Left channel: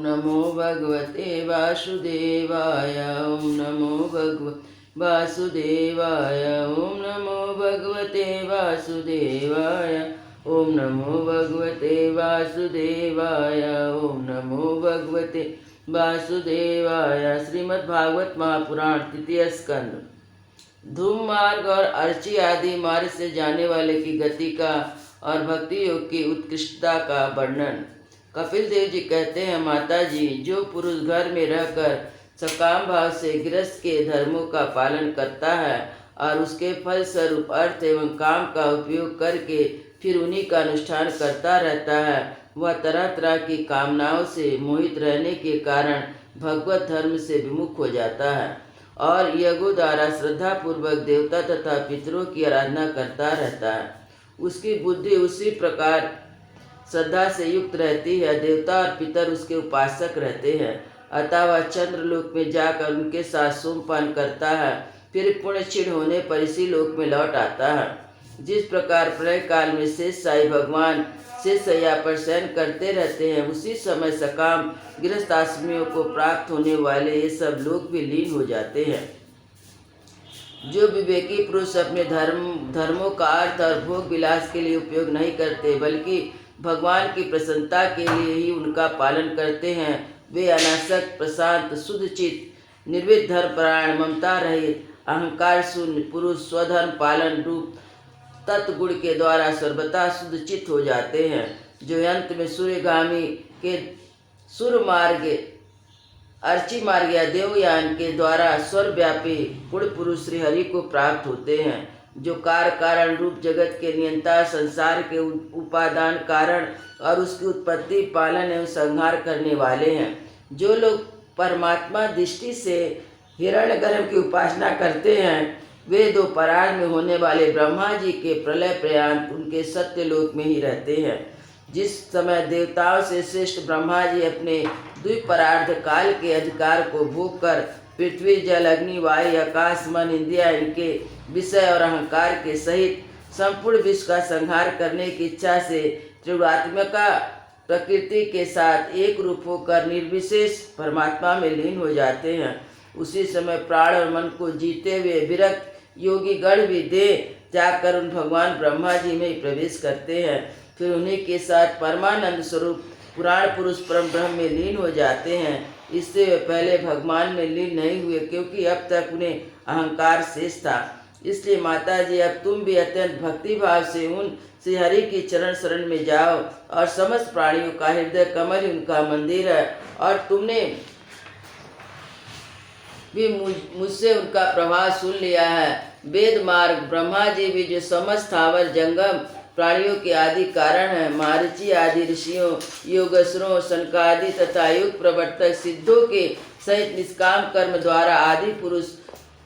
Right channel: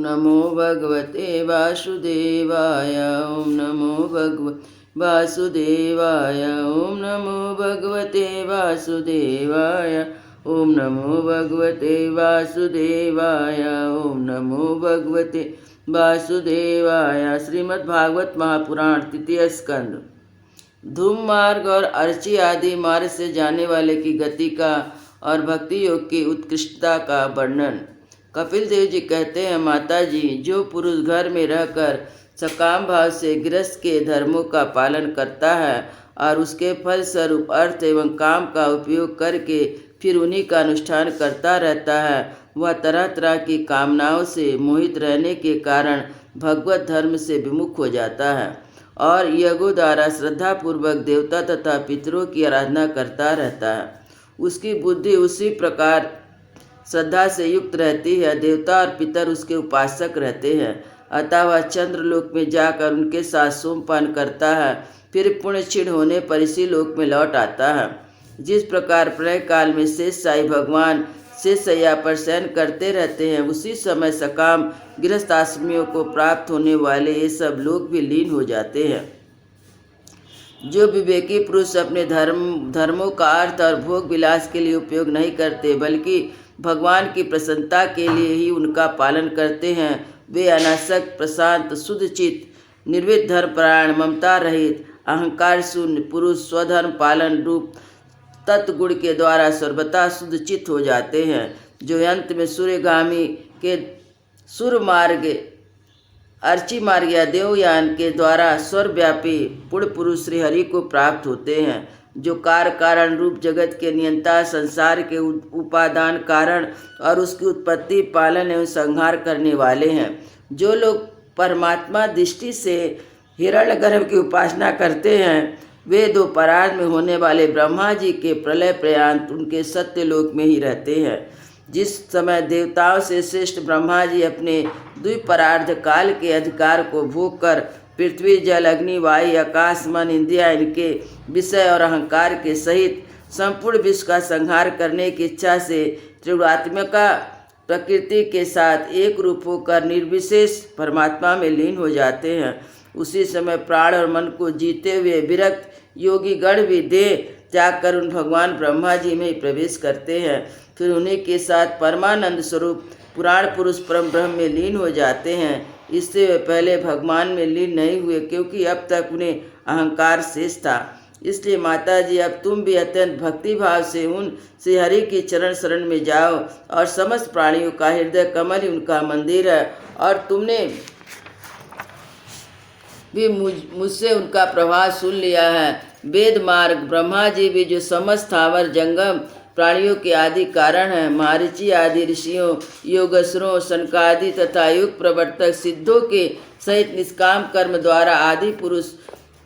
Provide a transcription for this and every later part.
नमो भगवते वासुदेवाय। ओम नमो भगवते वासुदेवाय। ओम नमो भगवते वासुदेवाय। ओम नमो भगवते वासुदेवाय। ओम नमो भगवते वासुदेवाय। श्रीमद्भागवत महापुराण तृतीय स्कंद। धूम मार्ग और अर्ची आदि मार्ग से जाने वाले की गति का और भक्ति योग की उत्कृष्टता का वर्णन। कपिल देव जी कहते हैं, माता जी, जो पुरुष घर में रहकर सकाम भाव से गृहस्थ के धर्मों का पालन करता है और उसके फल स्वरूप अर्थ एवं काम का उपयोग करके फिर उन्हीं का अनुष्ठान करता रहता है, वह तरह तरह की कामनाओं से मोहित रहने के कारण भगवत धर्म से विमुख हो जाता है और यज्ञों द्वारा श्रद्धापूर्वक देवता तथा पितरों की आराधना करता रहता है। उसकी बुद्धि उसी प्रकार श्रद्धा से युक्त रहती है। देवता और पितर उसके उपासक रहते हैं, अतः वह चंद्रलोक में जाकर उनके साथ सोमपान करता है, फिर पुण्य क्षीण होने पर इसी लोक में लौट आता है। जिस प्रकार प्रलय काल में शेष साई भगवान शेष शैया पर शयन करते रहते हैं, उसी समय सकाम गृहस्थाश्रमियों को प्राप्त होने वाले ये सब लोग भी लीन हो जाते हैं। जो विवेकी पुरुष अपने धर्मों का अर्थ और भोग विलास के लिए उपयोग नहीं करते, बल्कि भगवान की प्रसन्नता के लिए ही उनका पालन करते हैं, वे अनासक्त, प्रशांत, शुद्ध चित्त, निर्विध धर्मपरायण, ममता रहित, अहंकार शून्य पुरुष स्वधर्म पालन रूप तत्गुण के द्वारा सर्वथा शुद्ध चित्त हो जाते हैं, जो अंत में सूर्यगामी के सूर्य मार्ग, अर्ची मार्ग या देवयान के द्वारा स्वर्व्यापी पूर्ण पुरुष श्री हरि को प्राप्त होते हैं, जो कार्य कारण रूप जगत के नियंता, संसार के उपादान कारण और उसकी उत्पत्ति, पालन एवं संहार करने वाले हैं। जो लोग परमात्मा दृष्टि से हिरण्यगर्भ की उपासना करते हैं, वे दो परार्ध में होने वाले ब्रह्मा जी के प्रलय पर्यंत उनके सत्यलोक में ही रहते हैं। जिस समय देवताओं से श्रेष्ठ ब्रह्मा जी अपने द्विपरार्ध काल के अधिकार को भोग कर पृथ्वी, जल, अग्नि, वायु, आकाश, मन, इंद्रिया इनके विषय और अहंकार के सहित संपूर्ण विश्व का संहार करने की इच्छा से त्रिगुणात्मिका प्रकृति के साथ एक रूप होकर निर्विशेष परमात्मा में लीन हो जाते हैं, उसी समय प्राण और मन को जीते हुए विरक्त योगी गण भी देह त्याग कर उन भगवान ब्रह्मा जी में ही प्रवेश करते हैं, फिर उन्हीं के साथ परमानंद स्वरूप पुराण पुरुष परम ब्रह्म में लीन हो जाते हैं। इससे वे पहले भगवान में लीन नहीं हुए, क्योंकि अब तक उन्हें अहंकार शेष था। इसलिए माता जी, अब तुम भी अत्यंत भक्ति भाव से उन श्री हरि की चरण शरण में जाओ और समस्त प्राणियों का हृदय कमल ही उनका मंदिर है और तुमने भी मुझसे उनका प्रभाव सुन लिया है। वेद मार्ग ब्रह्मा जी भी जो समस्त स्थावर जंगम प्राणियों के आदि कारण है, मारीची आदि ऋषियों, योगेश्वरों, सनकादि तथा युग प्रवर्तक सिद्धों के सहित निष्काम कर्म द्वारा आदि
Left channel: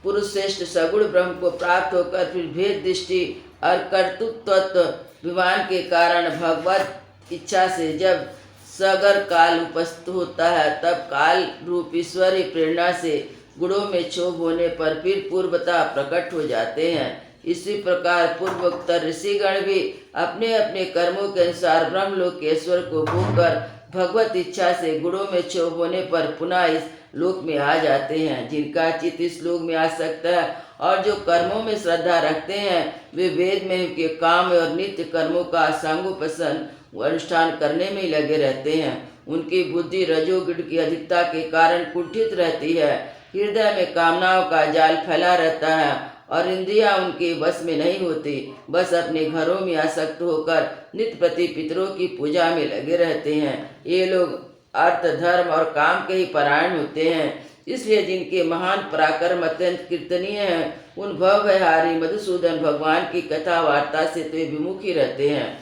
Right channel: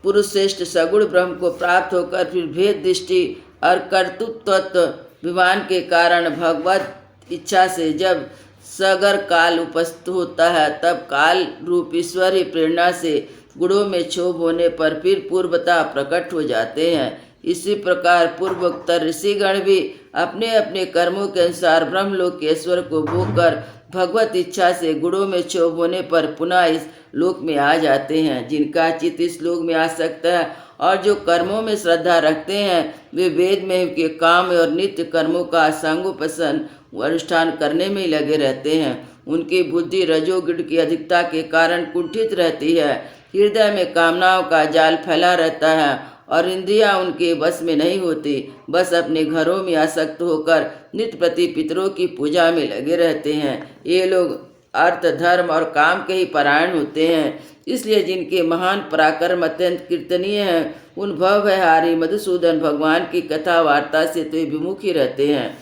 पुरुष श्रेष्ठ सगुण ब्रह्म को प्राप्त होकर फिर भेद दृष्टि और कर्तृत्व विमान के कारण भगवत इच्छा से जब सगर काल उपस्थित होता है, तब काल रूप ईश्वरी प्रेरणा से गुणों में क्षोभ होने पर फिर पूर्वता प्रकट हो जाते हैं। इसी प्रकार पूर्वोत्तर ऋषिगण भी अपने अपने कर्मों के अनुसार ब्रह्मलोक के ईश्वर को भोग कर भगवत इच्छा से गुणों में क्षोभ होने पर पुनः इस लोक में आ जाते हैं। जिनका चित्त इस लोक में आ सकता है और जो कर्मों में श्रद्धा रखते हैं, वे वेद में के काम और नित्य कर्मों का सांगोपासन अनुष्ठान करने में लगे रहते हैं। उनकी बुद्धि रजोगुण की अधिकता के कारण कुंठित रहती है, हृदय में कामनाओं का जाल फैला रहता है और इंद्रियां उनके बस में नहीं होती, बस अपने घरों में आसक्त होकर नित्य प्रति पितरों की पूजा में लगे रहते हैं। ये लोग अर्थ, धर्म और काम के ही परायण होते हैं। इसलिए जिनके महान पराक्रम अत्यंत कीर्तनीय हैं, उन भवभयहारी मधुसूदन भगवान की कथा वार्ता से तो विमुख ही रहते हैं।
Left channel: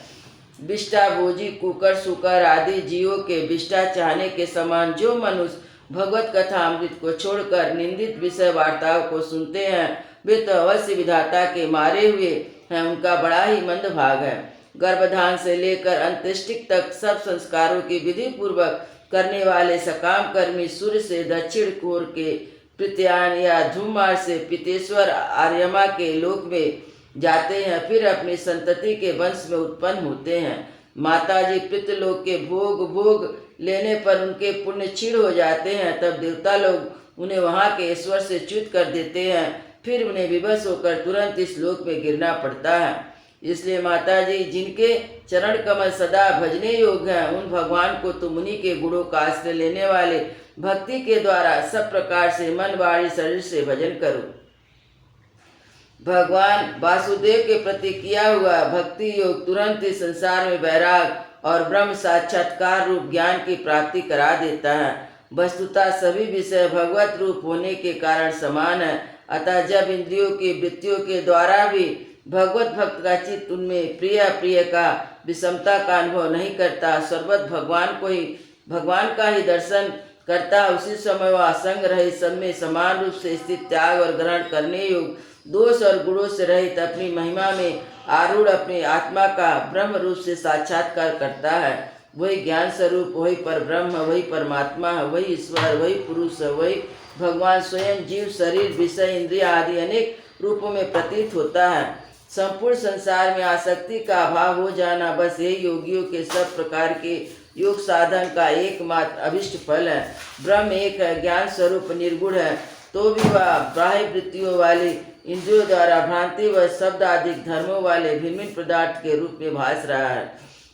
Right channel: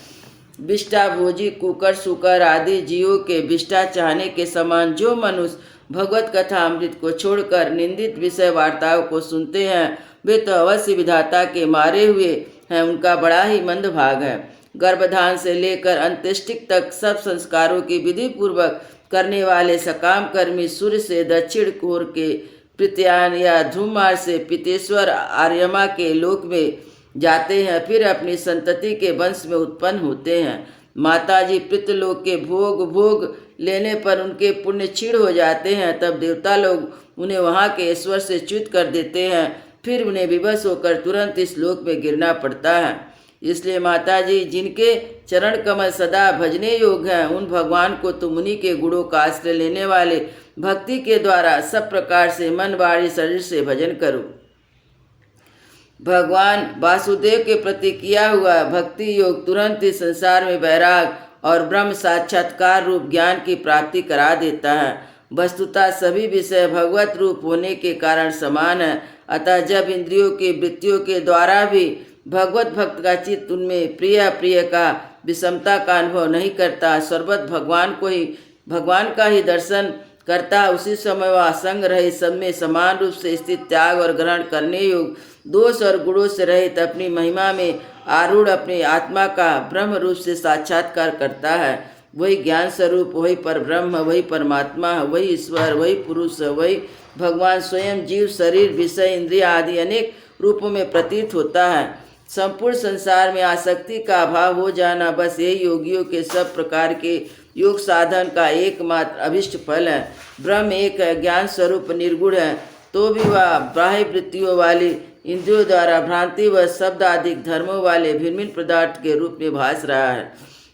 विष्टा भोजी कुकर सुकर आदि जीवों के विष्टा चाहने के समान जो मनुष्य भगवत कथा अमृत को छोड़कर निंदित विषय वार्ताओं को सुनते हैं, वे तो अवश्य विधाता के मारे हुए हैं, उनका बड़ा ही मंद भाग है। गर्भधान से लेकर अंत्येष्टि तक सब संस्कारों की विधि पूर्वक करने वाले सकाम कर्मी सूर्य से दक्षिण कोर के प्रत्यायन या धूमार से पितेश्वर आर्यमा के लोक में जाते हैं, फिर अपनी संतति के वंश में उत्पन्न होते हैं। माताजी पितृलोक के भोग लेने पर उनके पुण्य क्षीण हो जाते हैं, तब देवता लोग उन्हें वहाँ के ईश्वर से च्युत कर देते हैं। फिर उन्हें विवश होकर तुरंत इस लोक में गिरना पड़ता है। इसलिए माता जी, जिनके चरण कमल सदा भजने योग्य हैं, उन भगवान को तुम उन्हीं के गुणों का आश्रय लेने वाले भक्ति के द्वारा सब प्रकार से मन वाणी शरीर से भजन करो। भगवान वासुदेव के प्रति किया हुआ भक्ति योग तुरंत इस संसार में वैराग और ब्रह्म साक्षात्कार रूप ज्ञान की प्राप्ति करा देता है। वस्तुतः सभी विषय भगवत रूप होने के कारण समान है। अतः जब इंद्रियों की वृत्तियों के द्वारा भी भगवत भक्त का चित्त उनमें प्रिय अप्रिय का विषमता का अनुभव नहीं करता, सर्वत भगवान का ही दर्शन करता, उसी समय वह असंग रहित सब में समान रूप से स्थित त्याग और ग्रहण करने योग्य दोष और गुणों से रहित अपनी महिमा में आरूढ़ अपनी आत्मा का ब्रह्म रूप से साक्षात्कार करता है। वही ज्ञान स्वरूप, वही परब्रह्म, वही परमात्मा, वही ईश्वर, वही पुरुष, वही भगवान स्वयं जीव शरीर विषय इंद्रिय आदि अनेक रूपों में प्रतीत होता है। संपूर्ण संसार में आसक्ति का अभाव हो जाना बस यही योगियों के सब प्रकार के योग साधन का एकमात्र अभिष्ट फल है। ब्रह्म एक है, ज्ञान स्वरूप निर्गुण है, तो भी वह बाह्य वृत्तियों वाली इंद्रियों द्वारा भ्रांति व शब्द आदि धर्मों वाले भिन्न भिन्न पदार्थ के रूप में भास रहा है।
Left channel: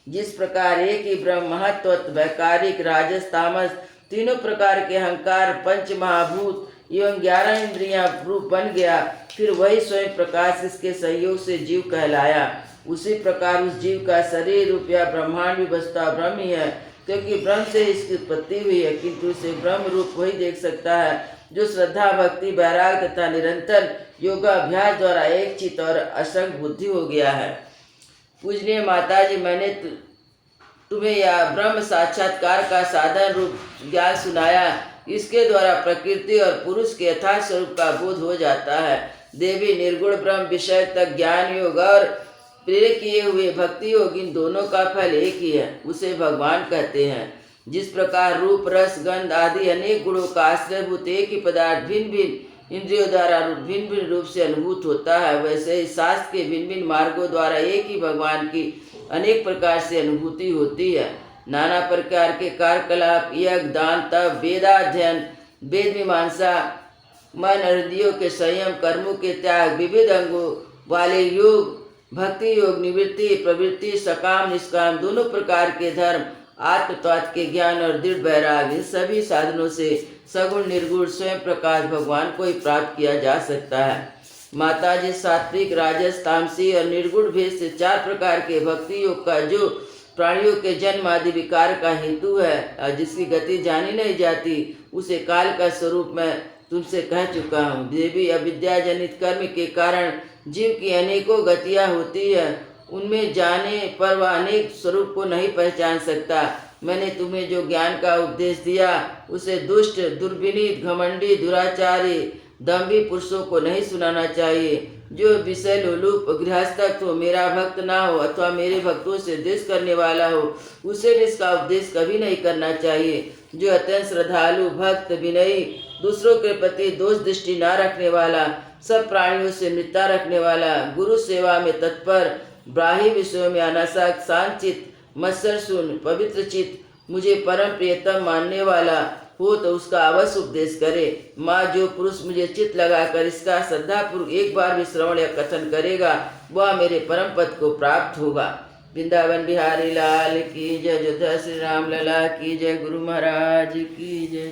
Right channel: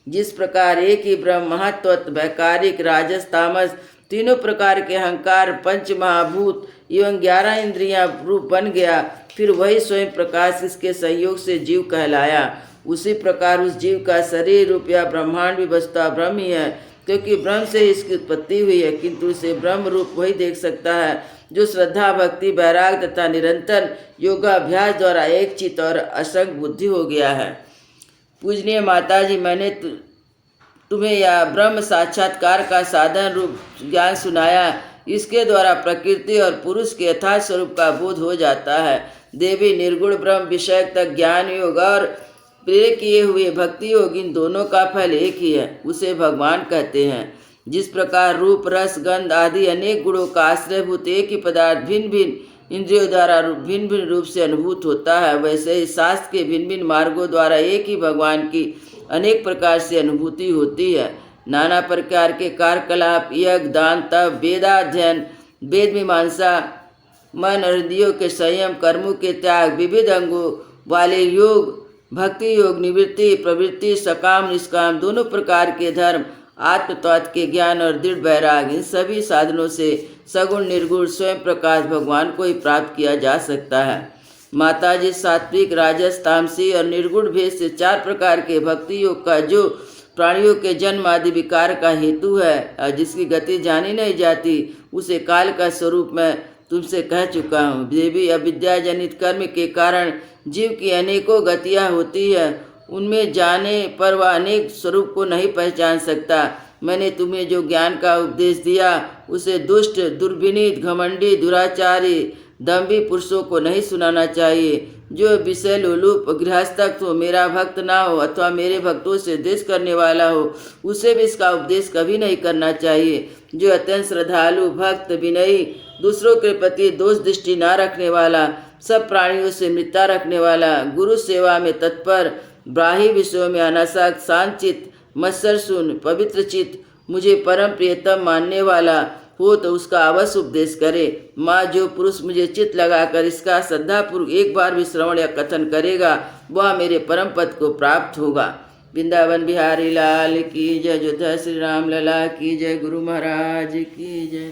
जिस प्रकार एक ही ब्रह्म महत्त्व वैकारिक राजस तामस तीनों प्रकार के अहंकार पंच महाभूत एवं 11 इंद्रियां रूप बन गया, फिर वही स्वयं प्रकाश इसके संयोग से जीव कहलाया। उसी प्रकार उस जीव का शरीर रूप या ब्रह्मांड भी वस्तुतः ब्रह्म ही है, क्योंकि ब्रह्म से इसकी उत्पत्ति हुई है। किंतु इसे ब्रह्म रूप वही देख सकता है जो श्रद्धा भक्ति वैराग तथा निरंतर योगाभ्यास द्वारा एक चित्त और असंग बुद्धि हो गया है। पूजनीय माता जी, मैंने तुम्हें यह ब्रह्म साक्षात्कार का साधन रूप ज्ञान सुनाया। इसके द्वारा प्रकृति और पुरुष के यथार्थ स्वरूप का बोध हो जाता है। देवी निर्गुण ब्रह्म विषय तक ज्ञान योग और प्रेर किए हुए भक्ति योग, इन दोनों का फल एक ही है, उसे भगवान कहते हैं। जिस प्रकार रूप रस गंध आदि अनेक गुणों का आश्रयभूत एक ही पदार्थ भिन्न भिन्न इंद्रियों द्वारा भिन्न भिन्न रूप से अनुभूत होता है, वैसे ही शास्त्र के भिन्न भिन्न मार्गों द्वारा एक ही भगवान की अनेक प्रकार से अनुभूति होती है। नाना प्रकार के कार्यकलाप यज्ञ दान तप वेदाध्ययन वेद मीमांसा मन और इंद्रियों के संयम कर्मों के त्याग विविध अंगों वाले योग भक्ति योग निवृत्ति प्रवृत्ति सकाम निष्काम दोनों प्रकार के धर्म आत्म तत्व के ज्ञान और दृढ़ वैराग, इन सभी साधनों से सगुण निर्गुण स्वयं प्रकाश भगवान को ही प्राप्त किया जा सकता है। माता जी, सात्विक राजस तामसी और निर्गुण भेद से 4 प्रकार के भक्ति योग का जो प्राणियों के जन्म आदि विकार का हेतु है और जिसकी गति जानी नहीं जाती, उसे काल का स्वरूप मैं तुमसे कह चुका हूँ। देवी, अविद्या जनित कर्म के कारण जीव की अनेकों गतियाँ होती है, उनमें जाने पर वह अनेक स्वरूप को नहीं पहचान सकता। मैंने तुम्हें जो ज्ञान का उपदेश दिया उसे दुष्ट दुर्विनीत घमंडी दुराचारी दम्भी पुरुषों को नहीं सुनाना चाहिए। जो विषय लोलुप गृहस्थक हो, मेरा भक्त ना हो अथवा मेरे भक्तों से द्वेष करने वाला हो, उसे भी इसका उपदेश कभी नहीं करना चाहिए। जो अत्यंत श्रद्धालु भक्त विनयी दूसरों के प्रति दोष दृष्टि न रखने वाला सब प्राणियों से मित्रता रखने वाला गुरु सेवा में तत्पर ब्राह्मी विषयों में अनासक्त शांतचित मत्सरशून्य पवित्र चित्त मुझे परम प्रियतम मानने वाला हो तो उसका अवश्य उपदेश करे। माँ, जो पुरुष मुझे चित्त लगाकर इसका श्रद्धापूर्वक एक बार भी श्रवण या कथन करेगा वह मेरे परम पद को प्राप्त होगा। वृंदावन बिहारी लाल की जय। अयोध्या श्री राम लला की जय। गुरु महाराज की जय।